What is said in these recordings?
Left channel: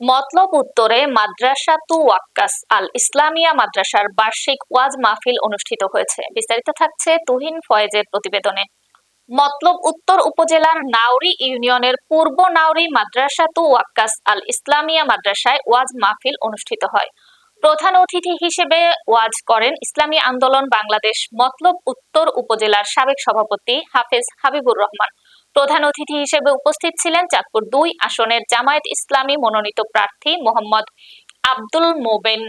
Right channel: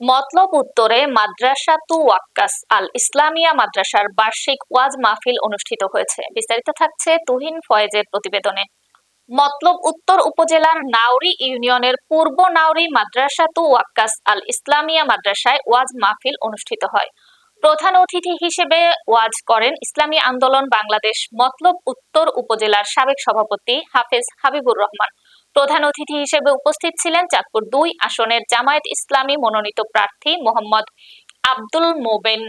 মতলব উত্তরে মাদ্রাসা তু ওয়াক্কাস আল ইসলামিয়া মাদ্রাসার বার্ষিক ওয়াজ মাহফিল অনুষ্ঠিত হয়েছে। বিস্তারিত থাকছে তুহিন ফয়েজের প্রতিবেদনে। মতলব উত্তর উপজেলার নাউরি ইউনিয়নের পূর্ব নাউরি মাদ্রাসা তু ওয়াক্কাস আল ইসলামিয়া মাদ্রাসায় ওয়াজ মাহফিল অনুষ্ঠিত হয়। প্রধান অতিথি হিসেবে ওয়াজ করেন ইসলামী আন্দোলন বাংলাদেশ মতলব উত্তর উপজেলার সাবেক সভাপতি হাফেজ হাবিবুর রহমান। প্রধান অতিথি হিসেবে উপস্থিত ছিলেন চাঁদপুর দুই আসনের জামায়াত ইসলামী মনোনীত প্রার্থী মোহাম্মদ আব্দুল মোবেন।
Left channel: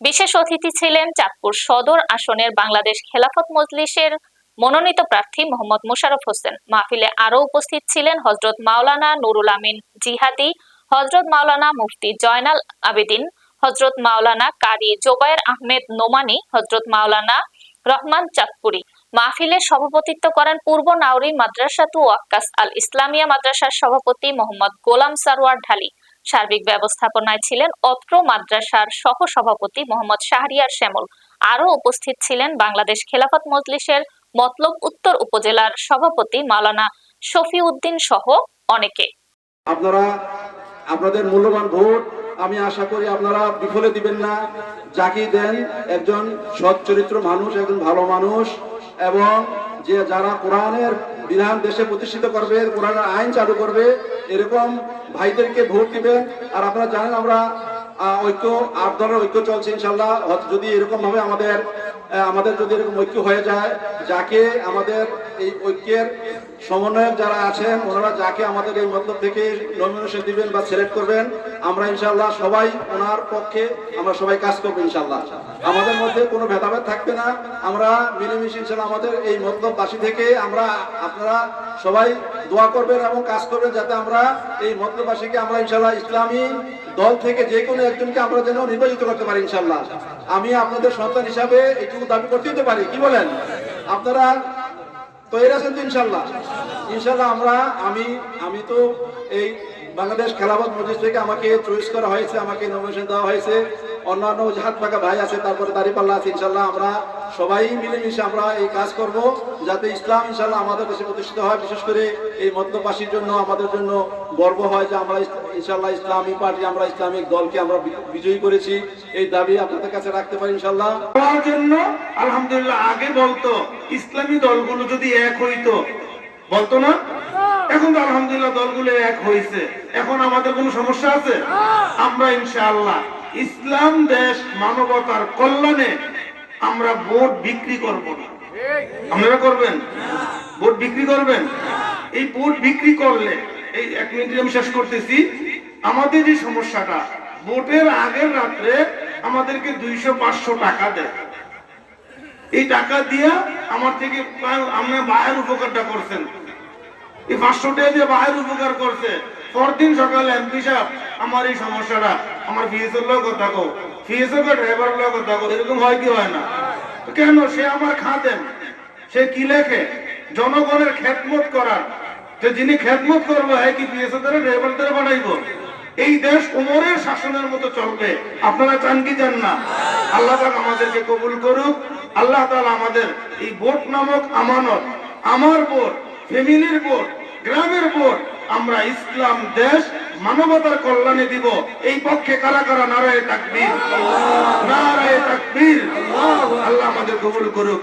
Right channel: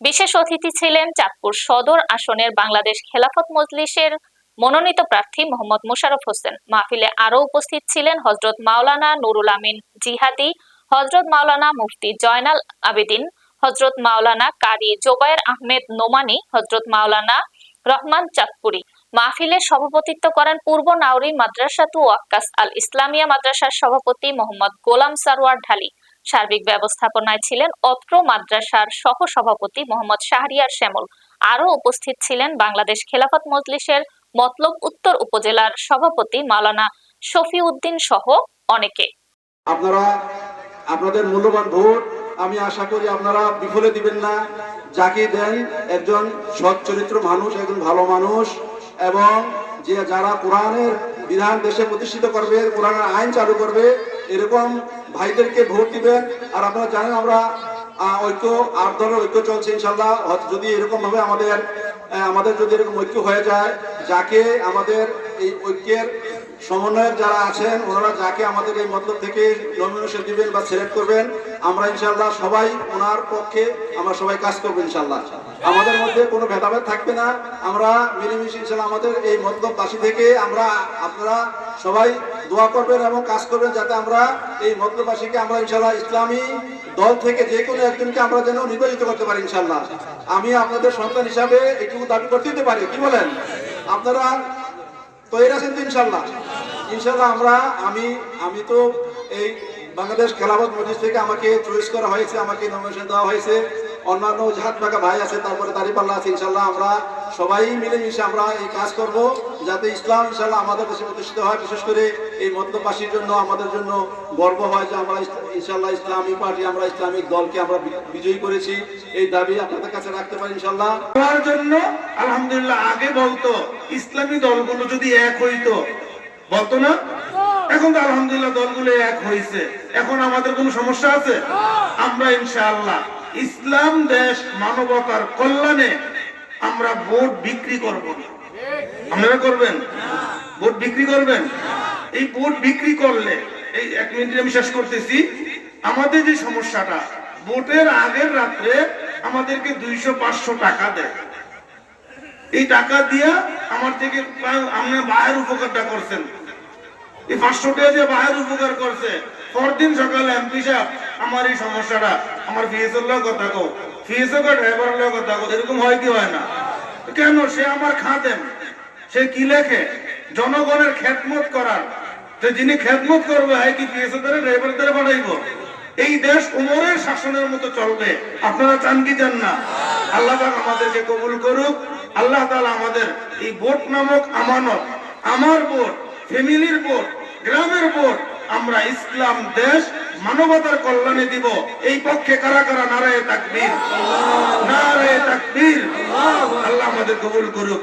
বিশেষ অতিথি ছিলেন চাঁদপুর সদর আসনের বাংলাদেশ খেলাফত মজলিসের মনোনীত প্রার্থী মোহাম্মদ মোশাররফ হোসেন। মাহফিলে আরও উপস্থিত ছিলেন হজরত মাওলানা নুরুল আমিন জিহাদি হজরত মাওলানা মুফতি জয়নাল আবেদিন হজরত মাওলানা কারি জোবায়ের আহমেদ নোমানি হজরত মাওলানা রহমান চাঁদপুরি। মাহফিলে সভাপতিত্ব করেন পূর্ব নাউরি মাদ্রাসাতু ওয়াক্কাস আল ইসলামিয়া মাদ্রাসার সভাপতি মোহাম্মদ গোলাম সারোয়ার ঢালি। সার্বিক ব্যবস্থাপনায় ছিলেন অত্র মাদ্রাসার সহ সভাপতি মোহাম্মদ শাহরিয়ার শ্যামল। আরও উপস্থিত ছিলেন বাংলাদেশ খেলাফত মজলিসের মতলব উত্তর উপজেলার সভাপতি মাওলানা শফিউদ্দিন সহ অনেকে। আপনারা, আপনাদের মূল্যবান ভোট আমি আশা করি আপনারা বিফলে দিবেন না। যাকে দেন একজন সৎ চরিত্র মানুষ, একজন ভালো মানুষ। এবং যে যারা কোরআনের বিধান দেশে প্রতিষ্ঠিত করবে, কোরআনের আইন চালু করবে, এরকম ভাইদেরকে ভোট দিবেন। আর আপনারা জানেন, আমরা ঐক্য, আট ধরনের ঐক্য চলছে ইনশাল্লাহ যদি এরকম ভাবে আমাদের আমাদের যদি এরকম ঐক্য হয়ে যায়, যাকে আমাদের এই ঐক্যের সমন্বয়ক যারা আছেন, ওনারা যাকে আমাদের এই মতলব থেকে নমিনেশন দিবেন বা সিলেক্ট করবেন, আমরা ইনশাল্লাহ সবাই ওনার পক্ষে আমরা সবাই কাজ করব ইনশাল্লাহ আমাদের মধ্যে কোনো ভেদাভেদ থাকবে না। আমরা মিলেমিশে ইনশাল্লাহ আমাদের এই মতলব মতলববাসী থেকে আমরা, আপনারা সবাই দোয়া করবেন এবং কাজ করবেন যাতে আমরা এই মতলব মতলববাসীকে আমরা ইনশাল্লাহ ইসলামী দল থেকে যে কোনো একজনকে আমরা যেন নির্বাচিত করতে পারি ইনশাল্লাহ আমি আপনাদের সন্তান হিসাবে একটি দাবি করতে দিতে পারি। কি বলেন? আপনারা তৈরি আছেন তো ইনশাল্লাহ ইনশাল্লাহ আমরা, আমি আমি তো এই বাংলাদেশ খেলাফত মজলিস থেকে আমাকে চয়েস করা হয়েছে, আমাকে নমিনেশন দেওয়া হয়েছে। অন্যান্য জাহাজ ফাঁকা ভাই আছে, তারপরে দাঁড়িপাল্লা আছে ইনশাল্লাহ আমরা সবাই মিলেমিশে আমরা এই কাজ করব, যাতে ইসলাম ইনশাল্লাহ আমাদের দেশে প্রতিষ্ঠিত হয়। বিশেষ করে এই মধ্যবাসীর জন্য, আমাদের জন্য গর্ব হয় যে আমরা ইনশাল্লাহ ইসলামী পার্টি, আমরা ইসলামিক দলকে আমরা বিজয়ী করেছি। এই দাবি আপনাদের কাছে রাখতে পারি ইনশাল্লাহ হওয়ার জন্য, আলহামদুলিল্লাহ, আগে বলতো, ইসলামী দলগুলো যদি এক হইতো, বলতো না? এখন তো আলহামদুলিল্লাহ দলগুলো এক হয়েছে। এখন আমাদের কোনো সমস্যা আছে? আমরা ইনশাআল্লাহ ইসলাম, দেশ, মানবতার কল্যাণে আমরা ভোট বিক্রি করব না। আপনারা করবেন? ভোট বিক্রি করবেন? এই ভোট বিক্রি করলে, এই এক মিনিট আমি শেষ করতেছি। আমাদের যে সমস্যাটা, ভোটের আগের রাত্রে আমাদেরকে দুইশো পাঁচশো টাকা দেয়। এই টাকা দিয়া আমার থেকে প্রায় আপনি বায়ের উপকারটা করছেন। এই পাঁচশো টাকা দিয়ে বায়ের উপকার করছে। পরদিন সকালে এমপি সাহেব, আমার এই সমস্যাটা, আমার ফিএসএর লোক কথা কো ফিএসও কে ড্রাইভার লোক কথা কো এরকম হয় কি হয় না? কেন? সে আমার খাদেন সে কি লেখে? জনগণের খেদমত করার। যে যিনি খেদমত করবে হয় কি পিএসও দ্বারা ড্রাইভার দ্বারা বানাইবো? এই দেশ উমরের শাসনের মতো চলবে। আপনারা চান কি চান না? আল্লাহ তাআলা আমাদেরকে কবুল করুক। আল্লাহ তাআলা আমাদের এই ভোট নামক আমানত, আমার ভোট ফ্যামিলির ভোট, গ্রামের ভোট, আমরা ইসলাম দেশ মানবতার কল্যাণে দিব। এই পক্ষে কারা কারা নারায় তাকবীর? নারায় তাকবীর। আল্লাহ আমাদের কবুল করুক।